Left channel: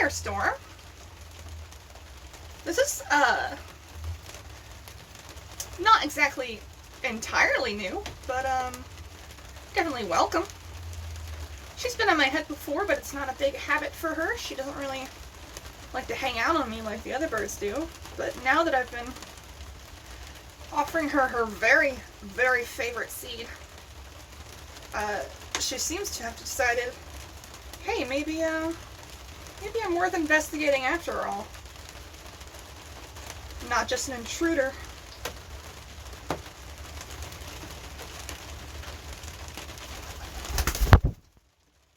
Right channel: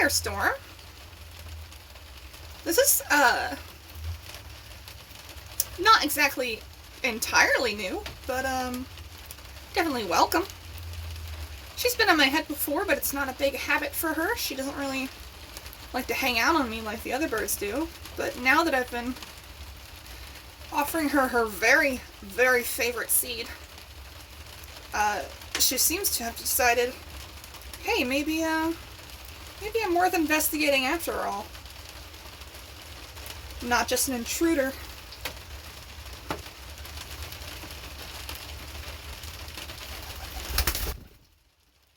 there, Storm. This is, not exactly entirely new, but, definitely welcome. She's been on my head before, but it's not a big habit for her. She doesn't really like to hang out on me like the other birds do. But now that I've been offering her her very, very favorite seed, she seems to have decided, hey, maybe I'm worth investigating after all. Not just an intruder.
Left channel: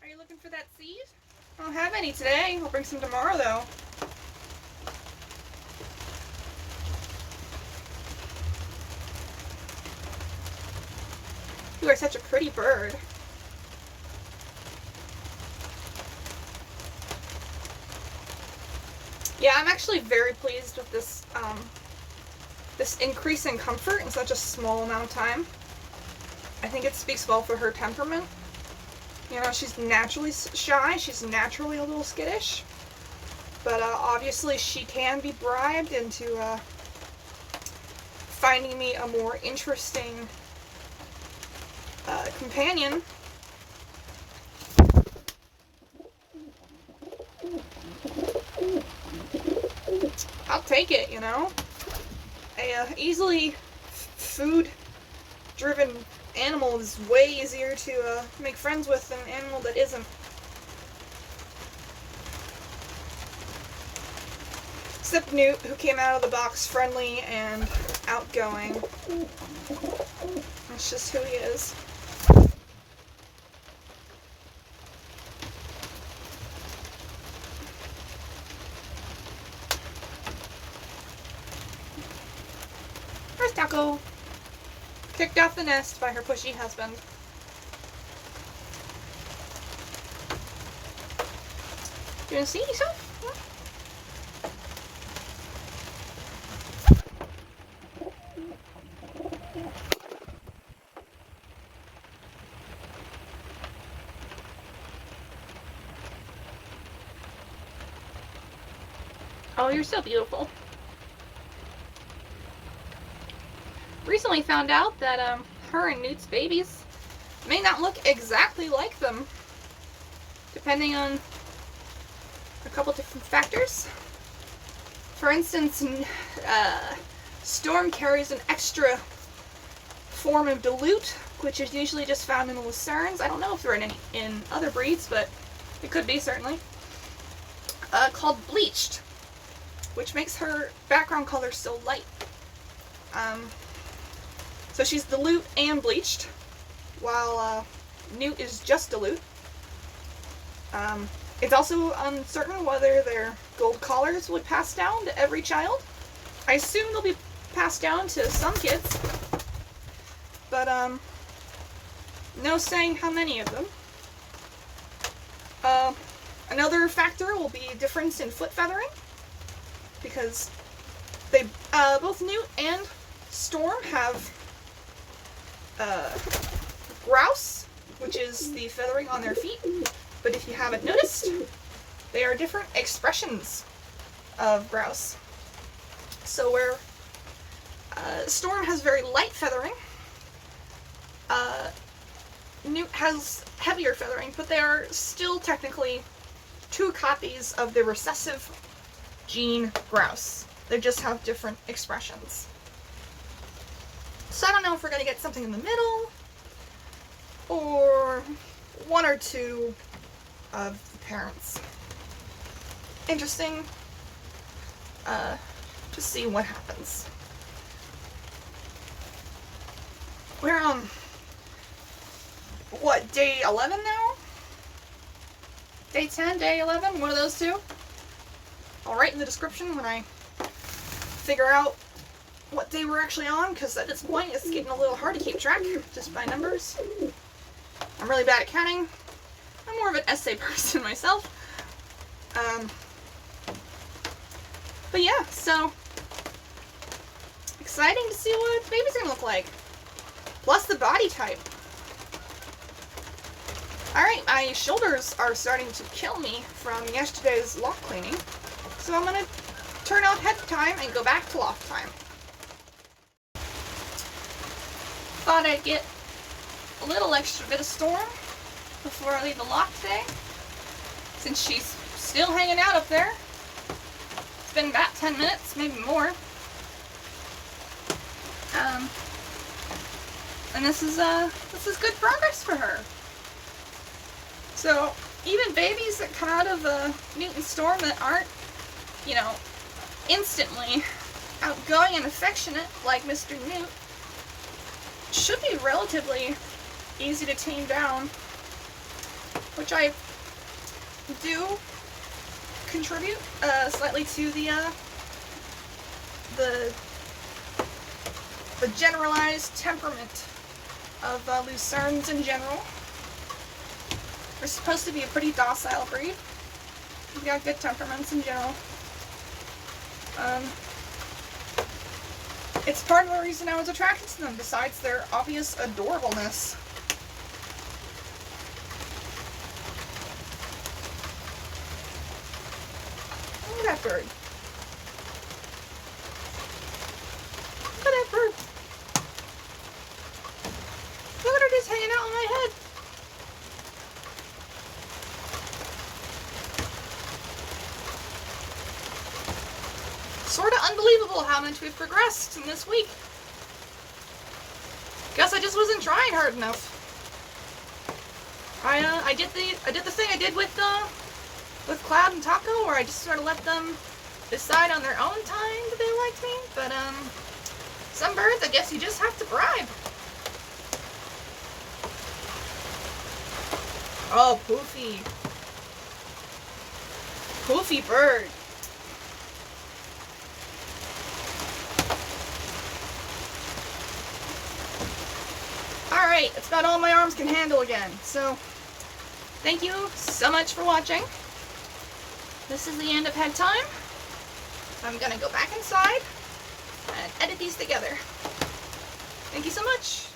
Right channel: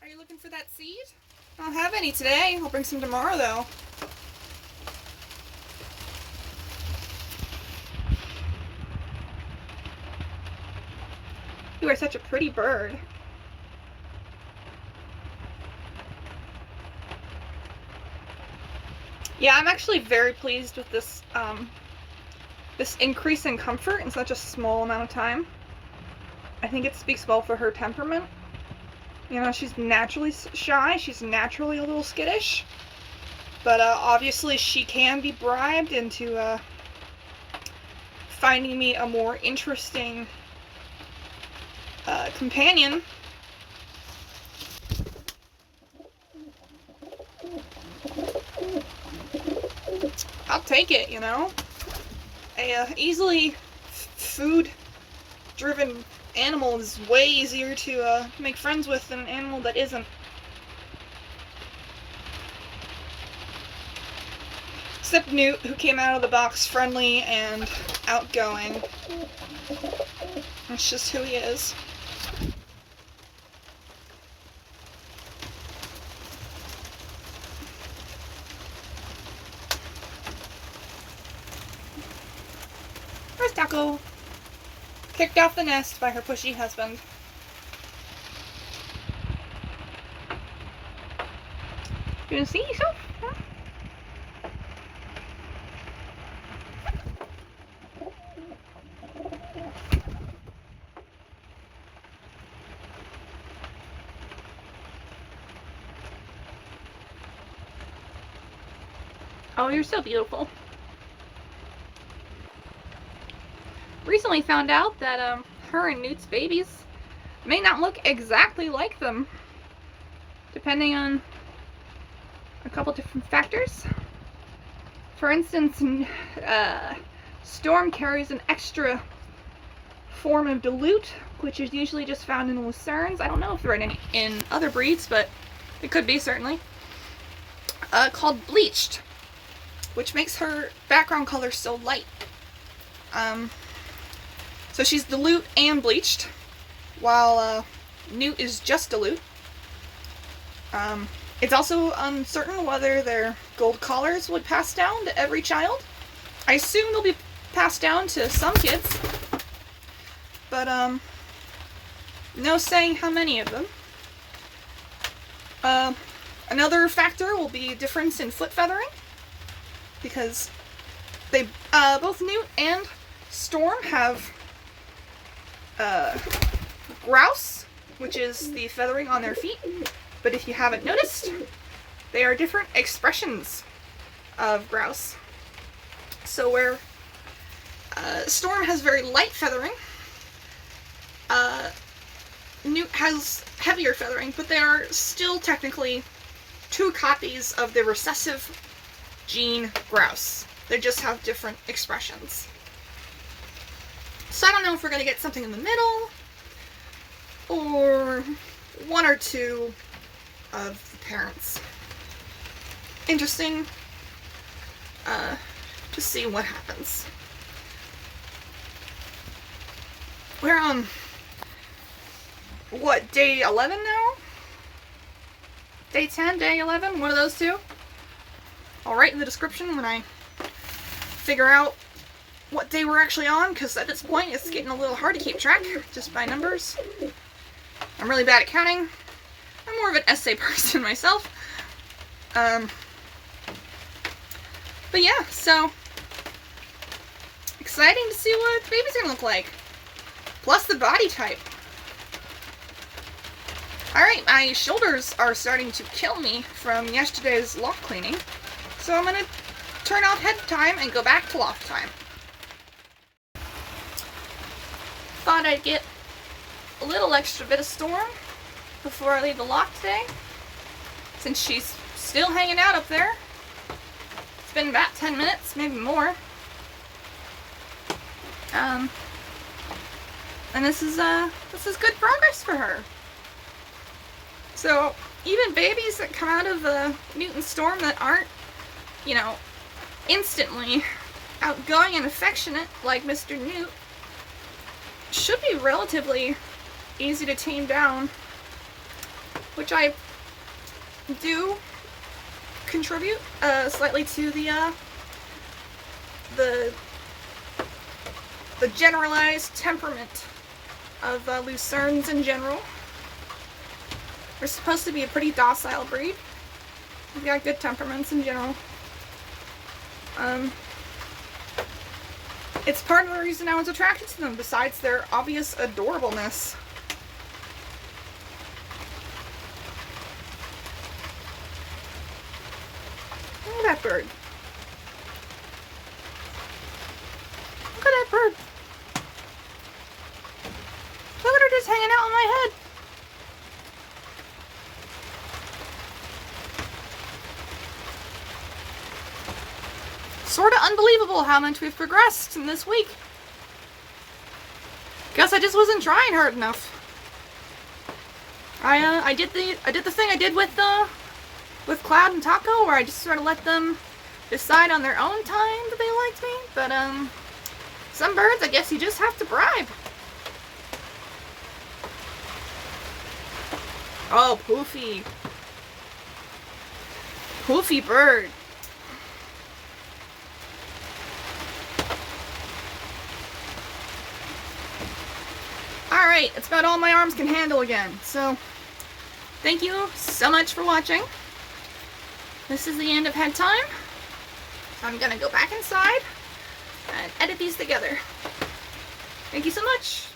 Are you looking for that seed? I don't have any today. I'll bring some tomorrow, though. You are such a pretty bird. Yeah, I'm actually very pleased with this, this increase in comfort in such a small amount of time. I think it speaks well for her temperament. You know, she's naturally shy, she's naturally a little skittish, but obviously she can be bribed into finding me a more interesting companion. I'll take it, you know. A easily food-driven animal is way easier to make friends with than an animal that isn't. Except Newt, who came out of the box friendly and outgoing. That's just who he is. Where's Taco? Kicked off the nest by her pushy husband. You wanna see yourself? Huh? Oh, you're so beautiful. Recently found out that her and Newt's babies may not look exactly like them, depending on a couple different factors. For instance, Storm carries an extra form of dilute, which is usually just found in lucernes. I don't know if they're in other breeds, but it could be, certainly. Called bleached, which makes her background color so light. So she's dilute and bleached, while Newt is just dilute. It's also uncertain whether their gold collars would pass down to every child. I assume they'll be passed down to some kids, but no saying how many of them. Another factor will be difference in foot feathering, because they both Newt and Storm have grouse, which is the feathering on their feet. But if you haven't noticed, they are different expressions of grouse. So where Storm has very light feathering, Newt has heavier feathering, but they are still technically two copies of the recessive gene grouse. They just have different expressions. So I don't know if we're going to get something in the middle, or one or two of the parents. Interesting to see what happens. We're on, what, day 11 now? Day 10, day 11, one of those two? I'll write in the description when I figure out what day we're actually on, because at this point it's getting a little hard to keep track just by numbers. I'm really bad at counting. I'm more of an essay person myself. But yeah, so exciting to see what baby's gonna look like. Plus the body type. Alright, my shoulders are starting to kill me from yesterday's loft cleaning, so I'm gonna turn off head time and go back to loft time. Thought I'd get a little extra bit of Storm before I leave the loft today, since she's still hanging out up there. It's been about 10 minutes, maybe more. And this is good progress for her. So even babies that come out of Newt and Storm that aren't, you know, instantly outgoing and affectionate like Mr. Newt should be relatively easy to tame down, which I do contribute slightly to the generalized temperament of Lucerne in general. They're supposed to be a pretty docile breed. They've got good temperaments in general. It's part of the reason I was attracted to them, besides their obvious adorableness. Look at that bird. Look at that bird. Look at her just hanging out on my head. Sort of unbelievable how much we've progressed in this week. Guess I just wasn't trying hard enough. I did the thing I did with Cloud and Taco, where I just sort of let them decide on their own time that they liked me. But some birds, I guess you just have to bribe. Oh, Poofy. Poofy bird. Alright, that's about all my arms can handle again. So, thank you so much for watching. This is the end of head time. So I'm gonna go back inside and edit these together. Thank you so much.